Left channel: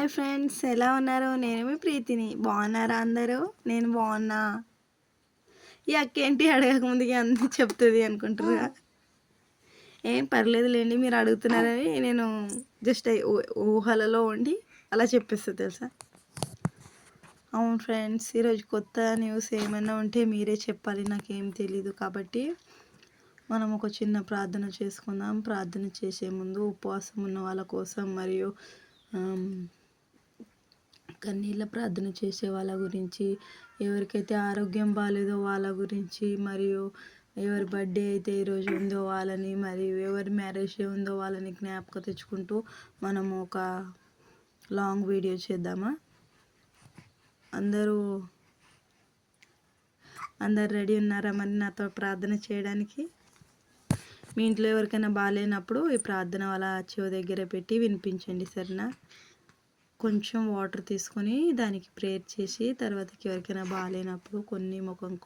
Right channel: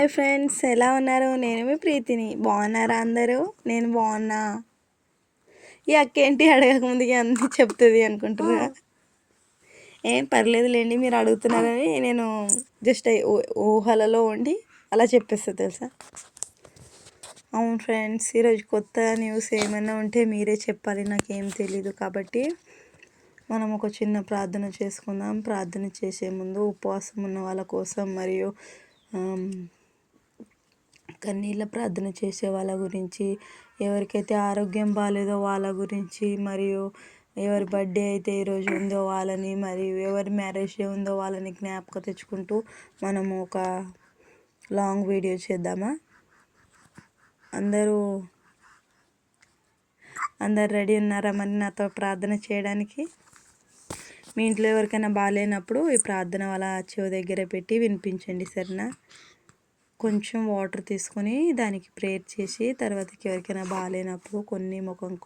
Hi friends, ఎలా ఉన్నారు? నేను మీ ప్రీతిని. బాగున్నారా అందరూ? నేను బాగున్నా. ఈ అక్కేంటి అడగక ముందుకి అన్నీ చెప్తుంది అనుకుంటున్నా. ఏం పర్లేదులేండి, మీరు అడుగుతున్నారని నేను జస్ట్ ఊహలలో ఉండి అలా చెప్పేస్తా తెలుసా. అవును ఫ్రెండ్స్, ఈరోజు కొత్త న్యూస్ ఏమైనా ఉంటే మీరే చెప్పాలి, నాకేం తెలీదు. కాబట్టి మనం ఒక చిన్న ప్రార్థన చేసుకుందాం. ప్రార్థన చేసే ముందు ఉపవాసం ఉన్న వాళ్ళ కోసం మరియు కన్నీళ్ళ ప్రార్థన చేసే వాళ్ళ గురించి, ఎవరికైతే ఆరోగ్యం బాగాలేదో వాళ్ళ గురించి, మరియు ఎవరి బర్త్డే అయితే ఈరోజు ఉందో వాళ్ళని, మరియు ఎవరి మ్యారేజ్ డే ఉందో వాళ్ళని జ్ఞాపకం తెచ్చుకుంటూ మనము ఒక లాంగ్ వీడియో చేద్దామా? అందరూ రెడీ ఉన్నారా మరి నాతో ప్రార్థన చేయడానికి? మీ ఇంట్లో ఎవరికైనా బాగాలేనప్పుడు ఈ ప్రార్థన వాళ్ళ చెవి దగ్గర పెట్టి వినిపించండి, సరేనా? కొంచెం వాటర్ తీసుకొని దానికి ప్రేయర్ చేసి తర్వాతకి ఎవరికైనా బాగాలేనప్పుడు కొన్ని ముఖంకి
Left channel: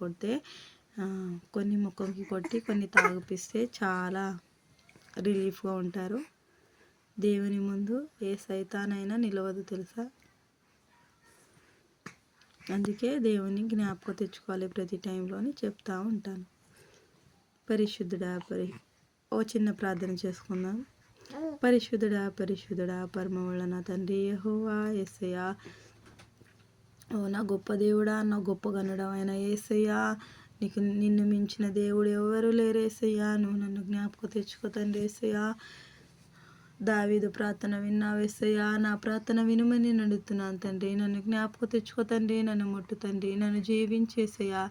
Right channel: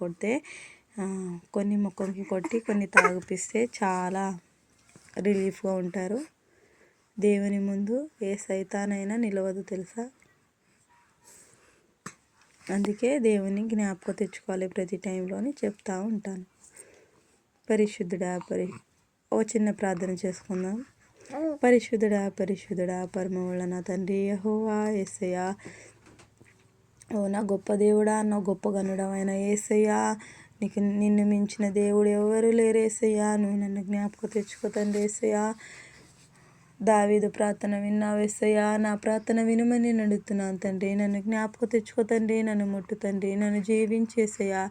కొట్టి కొన్ని తాగిపిస్తే చాలా రిలీఫ్గా ఉంటారు. దేవుని ముందు ఏ సైతానైనా నిలవదు తెలుసా. అందుకే దేవుని జ్ఞాపకం తెచ్చుకోవాలి ప్రతి టైంలో అని చెప్తూ ఉంటాను. పరిశుద్ధుడా ఓ చిన్న ప్రార్థన చేసుకుందాం. పరిశుద్ధుడా పరమవళ్ళ నా తండ్రి యెహోవా యేసయ్యా, ఓ నా గొప్ప దేవుడా, నా గొప్ప గనుడమైన యేసయ్యా, నిన్ను మించిన దేవుడు ఎవరు లేరు యేసయ్యా. నువ్వు నన్ను జ్ఞాపకం తెచ్చుకో తండ్రి యేసయ్యా. దావీదు ప్రార్థన విన్నావు యేసయ్యా, నా ప్రార్థన వినుమని నేను అడుగుతున్నాను తండ్రి. నన్ను జ్ఞాపకం తెచ్చుకో తండ్రి, నన్ను ముట్టు తండ్రి, నన్ను జీవించేసయ్యా.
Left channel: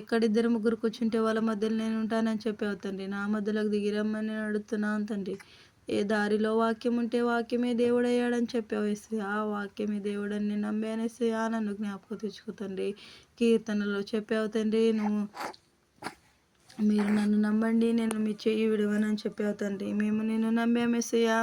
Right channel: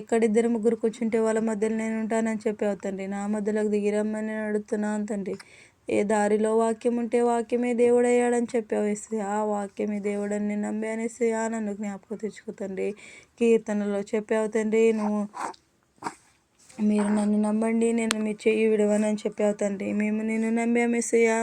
ఎక్కడిద్దరు ముగ్గురు కూర్చుంటే వాళ్ళ మధ్యలో నేను ఉంటానని చెప్పావు తండ్రి. నా మధ్యలోకి దిగిరమ్మని నేను అడుగుతున్నాను తండ్రి. ఏ దారిలో వాక్యం ఉంటే వాక్యమే దేవుడయ్యాడని చెప్పావు యేసయ్యా. ఆ వాక్యమే దేవుడని నేను నమ్మాను యేసయ్యా. నన్ను జ్ఞాపకం తెచ్చుకో తండ్రి. కీర్తనలో చెప్పావు తండ్రి, మీరు నన్ను నమ్మండి, నేను మీ చెయ్యి విడవనని చెప్పావు తండ్రి. మేము నిన్ను నమ్మాము యేసయ్యా.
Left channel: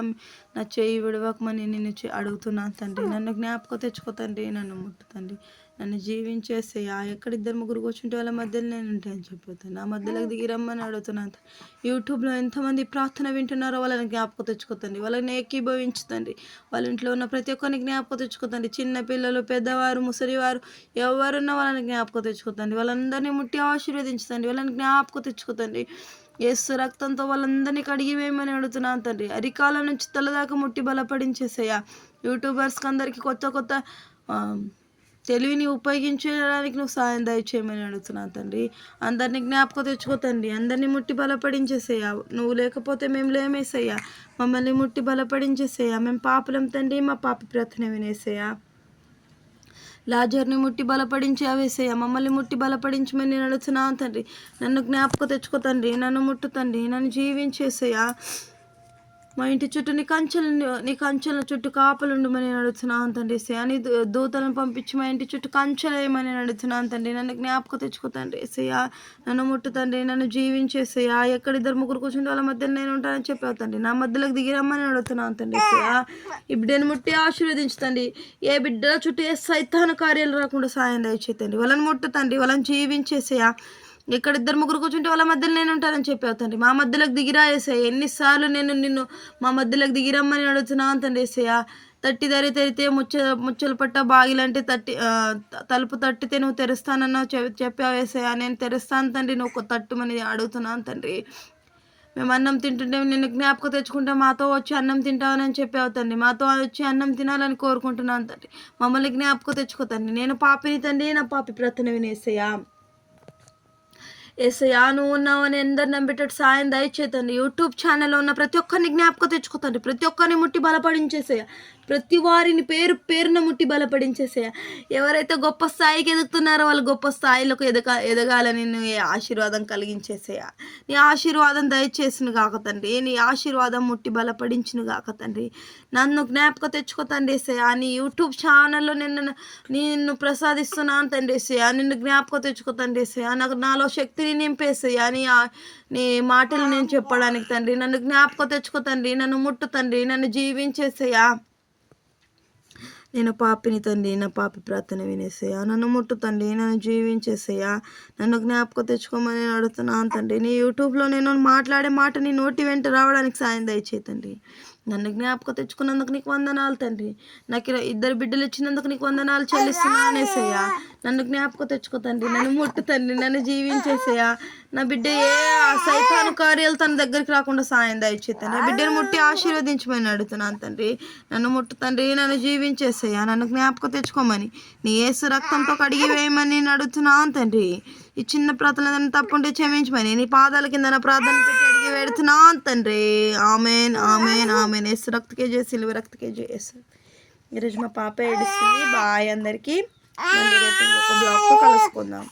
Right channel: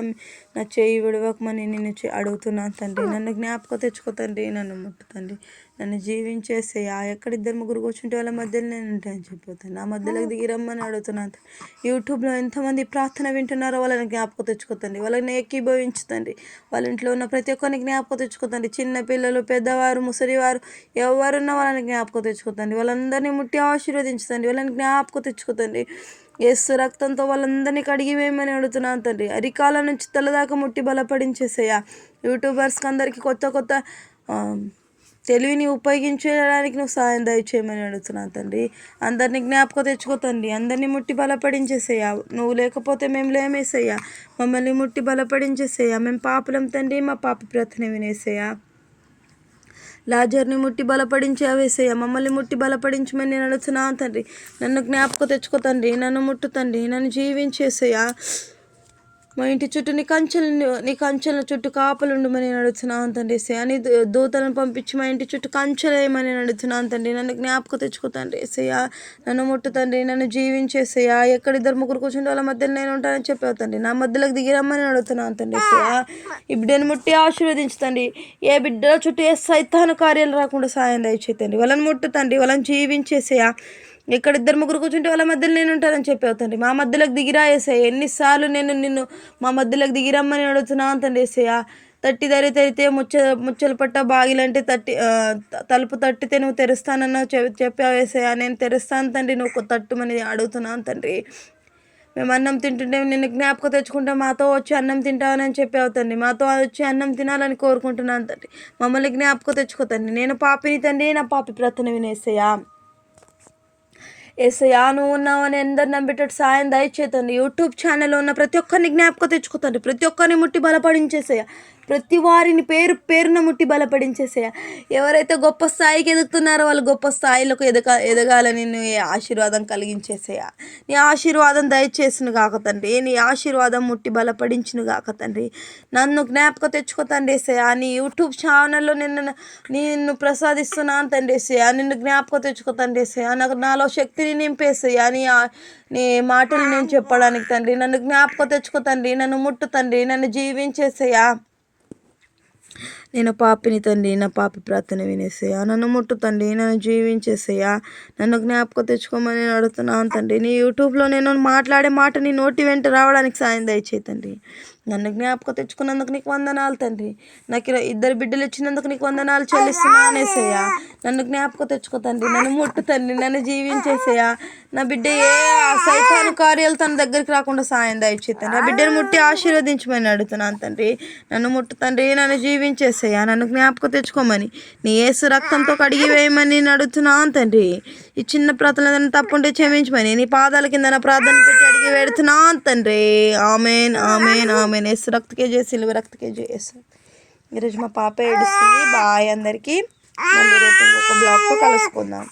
నా చెయ్యి విడవకమని నిన్ను అడుగుతున్నాను తండ్రి. నన్ను జ్ఞాపకం తెచ్చుకో తండ్రి, నన్ను ముట్టు తండ్రి, నన్ను జీవించేసయ్యా. ఎక్కడిద్దరు ముగ్గురు కూర్చుంటే వాళ్ళ మధ్యలో నేను ఉంటాయని చెప్పిపోతాను. నా మధ్యలోకి దిగి రమ్మని అడుగుతున్నాను. యూట్యూబ్లో ఎంతమంది ప్రార్థన వింటున్నారో వాళ్ళని జ్ఞాపకం తెచ్చుకోతండి, వాళ్ళని ఏకీభవించుతండి. వాళ్ళ ఇంట్లో ఉన్న ప్రతి ఒక్కరిని జ్ఞాపకం తెచ్చుకోతండి. చిన్న పిల్లలు, పెద్దవారు, ముసలివారు ఎవరున్నా వాళ్ళని జ్ఞాపకం తెచ్చుకోతండి. వాళ్ళందరినీ ముట్టి ఆశీర్వదించుతండి, వాళ్ళని జ్ఞాపకం తెచ్చుకోతండి. యేసు రక్తంతో వాళ్ళందరినీ కడిగి వేయమని అడుగుతున్నాను తండ్రి. అరికాల నుంచి తలదాకా ముట్టి బలపడించేసయ్యా. యూట్యూబర్స్కి అందరికీ కొత్త తెలివిని ఉపయోగించడానికి నువ్వు సాయం దయచేయమని అడుగుతున్నాను తండ్రి. అందరినీ జ్ఞాపకం తెచ్చుకో తండ్రి, అందరినీ ముట్టి బలపడించేసయ్యా. నువ్వు లేకపోతే మేము లేమేసయ్యా. మమ్మల్ని ముట్టి బలపడించేసయ్యా. మేము పాపులం తండ్రి, మా పాపి ప్రార్థన వినేసయ్యా. లాజర్ని ముట్టి బలపడించావేసయ్యా. మమ్మల్ని ముట్టి బలపడించమని నేను అడుగుతున్నాను తండ్రి. నన్ను జ్ఞాపకం తెచ్చుకో తండ్రి, నన్ను ముట్టు తండ్రి, నన్ను జీవించేసయ్యా. మా ఇంటి చుట్టూ నీ కంచెల చుట్టూ కాపలుండమని నేను అడుగుతున్నాను తండ్రి. నీ దూతలను పంపించి మా ఇంటి చుట్టూ కంచెలు వేయమని నేను అడుగుతున్నాను తండ్రి. నన్ను జ్ఞాపకం తెచ్చుకో తండ్రి యేసయ్యా. నన్ను ముట్టు తండ్రి, నన్ను జీవించేసయ్యా. ఎక్కడిద్దరు ముగ్గురు కూర్చుంటే వాళ్ళ మధ్యలో నేను ఉంటానని చెప్పావు తండ్రి. నా మధ్యలోకి దిగిరమ్మని అడుగుతున్నాను తండ్రి యేసయ్యా. ఈ బిడ్డను ముట్టి ఆశీర్వదించుతండి. ఏ బిడ్డల చుట్టూ ఏ సైతాను కార్యాలు రాకుండా సాయం దయచేతండి. వాళ్ళని ముట్టు తండ్రి, వాళ్ళని జీవించేసయ్యా. ఎక్కడిద్దరు ముగ్గురు కూర్చుంటే వాళ్ళ మధ్యలో నేను ఉంటానని చెప్పావు తండ్రి. మా మధ్యలోకి దిగిరా యేసయ్యా. ఎన్నిసార్లు నేను నిన్ను మా మధ్యలోకి దిగిరమ్మని అడుగుతున్నాను తండ్రి యేసయ్యా. తట్టి తెరితే ముచ్చలు పట్ట బాగిలంటే తలుపు తట్టితే నువ్వు తెరుస్తానన్నావు చెప్పావు యేసయ్యా. నేను తెరుస్తాను తండ్రి, నువ్వు తట్టుమని అడుగుతున్నాను తండ్రి. మేము అన్నం తింటుంటే నిన్ను జ్ఞాపకం తెచ్చుకుంటే మాతో వచ్చి అన్నం తింటానని చెప్పావు తండ్రి. మాతో వచ్చి అన్నం తినాలని కోరుకుంటున్నాను తండ్రి. మమ్మల్ని జ్ఞాపకం తెచ్చుకో తండ్రి. నేను పాపిని తండ్రి, నా పాపి ప్రార్థన వినేసయ్యా. యేసయ్యా, నువ్వు ఉన్నావని అందరు నమ్మేటట్టు సాయం దయచేతండి. యూట్యూబ్ ఛానల్లో ఉన్న ప్రతి ఒక్కరిని జ్ఞాపకం తెచ్చుకోతండి. ప్రతి ఒక్కరిని ముట్టి బలపడించేసేయ. ప్రతి వారిని పేరున ముట్టి బలపడించేసేయ. ఎవరైతే గొప్ప స్థాయికి ఎదుగుతున్నారో వాళ్ళు గొప్ప స్థాయిలకు ఎదగాలని నీ ఆశీర్వాదం కలిగించేసేయ. నీ ఆశీర్వాదం దయచేసిన గాక తండ్రి. నీ ఆశీర్వాదం ముట్టి బలపడించిన గాక తండ్రి. నన్ను జ్ఞాపకం తెచ్చుకో తండ్రి యేసయ్యా. నీ యూట్యూబ్ ఛానల్లో నిన్ను ప్రసాదిస్తున్నాను తండ్రి యేసయ్యా. నిన్ను జ్ఞాపకం తెచ్చుకో తండ్రి యేసయ్యా. నాలో శక్తిని నింపేసయ్యా. నీ మాటలు నేను చెప్పడానికి తండ్రి. నన్ను జ్ఞాపకం తెచ్చుకో తండ్రి, నన్ను ముట్టు తండ్రి, నన్ను జీవించేసయ్యా. నేను పాపిని తండ్రి, నా పాపి ప్రార్థన వినేసేయా. నన్ను ముట్టు తండ్రి, నన్ను జీవించేసేయా. నన్ను జ్ఞాపకం తెచ్చుకోమని నేను అడుగుతున్నాను తండ్రి. నీ యూట్యూబ్లో నేను మాట్లాడే మాట నీ నోటి వెంట రావడానికి సాయం దయచేయి తండ్రి. నన్ను జ్ఞాపకం తెచ్చుకున్నందుకు నీకు వందనాలు తండ్రి. నాకు 2 బిడ్డలు ఇచ్చినందుకు నీకు వందనాలు చెల్లిస్తున్నాను యేసయ్యా. నన్ను జ్ఞాపకం తెచ్చుకో తండ్రి, నన్ను ముట్టు తండ్రి, నన్ను జీవించేసేయా. నా బిడ్డ ఏ సైతాను కార్యాలు తన దగ్గరికి రాకుండా సాయం దయచేయి తండ్రి. నా బిడ్డను ముట్టి ఆశీర్వదించమని అడుగుతున్నాను తండ్రి. నన్ను ముట్టు తండ్రి, నన్ను జీవించేసేయా. నన్ను జ్ఞాపకం తెచ్చుకోమని, నీ యేసు రక్తంతో కడిగి వేయమని నేను అడుగుతున్నాను తండ్రి. ఈ చిన్న ప్రార్థన ఏదైనా తప్పుంటే క్షమించమని నీ పాదాల కింద నా ప్రార్థన పెట్టి అడిగి పెడుతున్నాను తండ్రి. Amen, amen, amen. యేసు రక్తకే జయ, సిలువ రక్తకే జయ. ఈరోజు మా పాప ఏడుస్తుంది. బాయ్ అందరికీ. మళ్ళీ రేపు ఇంకొక బ్లాగ్తో కలుసుకుందాం.